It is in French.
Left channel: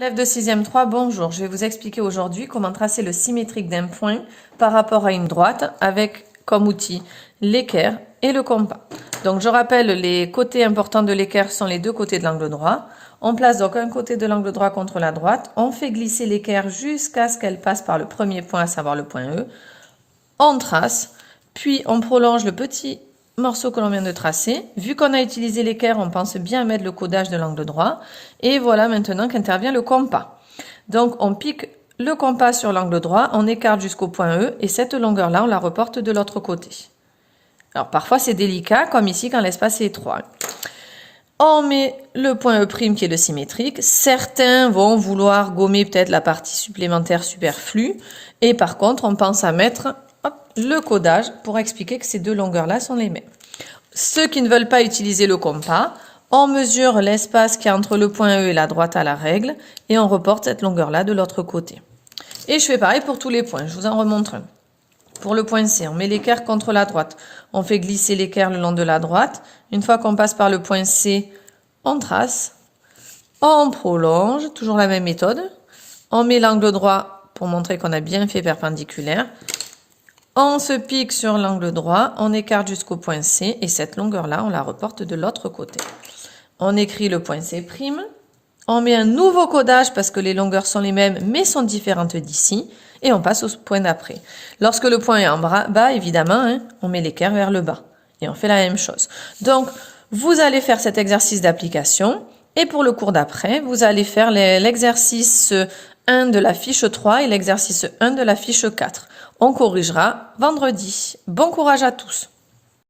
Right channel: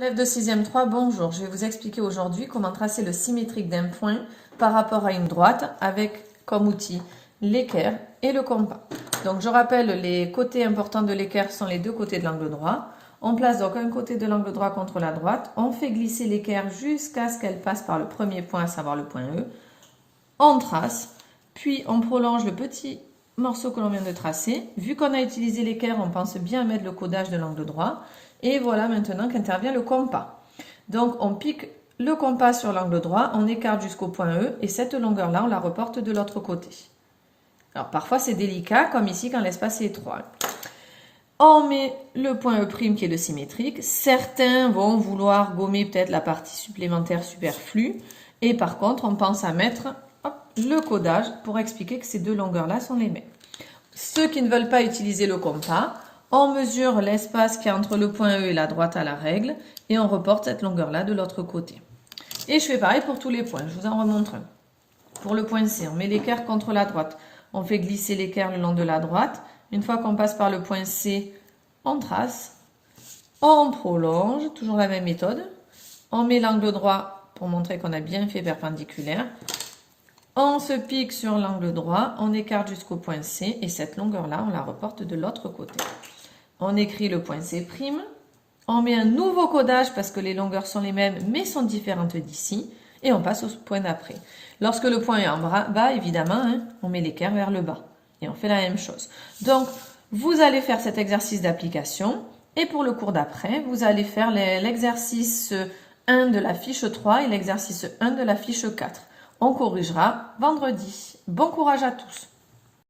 Élèves de 6e 3, bonjour. Je vais vous expliquer aujourd'hui comment tracer le symétrique d'un point par rapport à une droite avec comme outil l'équerre et le compas. Donc je rappelle, les côtés importants de l'équerre sont les deux côtés de l'angle droit. On place donc un côté de l'angle droit contre la droite. On fait glisser l'équerre jusqu'à ce qu'elle passe par le premier point, à savoir le point E. On trace, puis on prolonge le petit morceau que l'on vient de tracer. Vu qu'on a utilisé l'équerre, on pense bien mettre le codage de l'angle droit. Et voilà maintenant qu'intervient le compas. Donc on pique le compas sur l'angle droit, on écarte jusqu'au point E et cette longueur-là, on la reporte de l'autre côté. Alors parfois c'est délicat, comme ici quand l'espace est étroit. On met le point E' qui est le symétrique. Certains vont vouloir gommer peut-être la partie supplémentaire superflue. Et par contre, on pense à mettre le codage pour expliquer que ces deux longueurs-là sont les mêmes. Ceux qui ne veulent pas utiliser le compas, on mesure l'espace qui est entre le point E et la droite à la règle et on reporte cette longueur-là de l'autre côté. Et je fais pareil pour tous les points, je vous en remontre un. Pour le point C, on met l'équerre contre la droite. On fait glisser l'équerre le long de la droite. Une fois qu'on passe par le point C, on trace. On prolonge, toujours la même méthode. On met l'angle droit pour montrer qu'on a bien fait perpendiculaire. On se pique sur l'angle droit, on écarte jusqu'au point C et cette longueur-là, on la reporte de l'autre côté. On écrit le point C'. On met un nouveau codage parce que les longueurs sont les mêmes mais sont différentes d'ici. Et on passe au point d'après. Lorsque le point est en bas, évidemment, on met l'équerre vers le bas. Et on fait la même chose. Donc, vous allez faire cet exercice d'application. Et pour le cours d'après, vous allez faire l'exercice 1 de la fiche 3 et l'exercice 1 de la fiche 4. On corrigera vendredi. Bon courage à tous!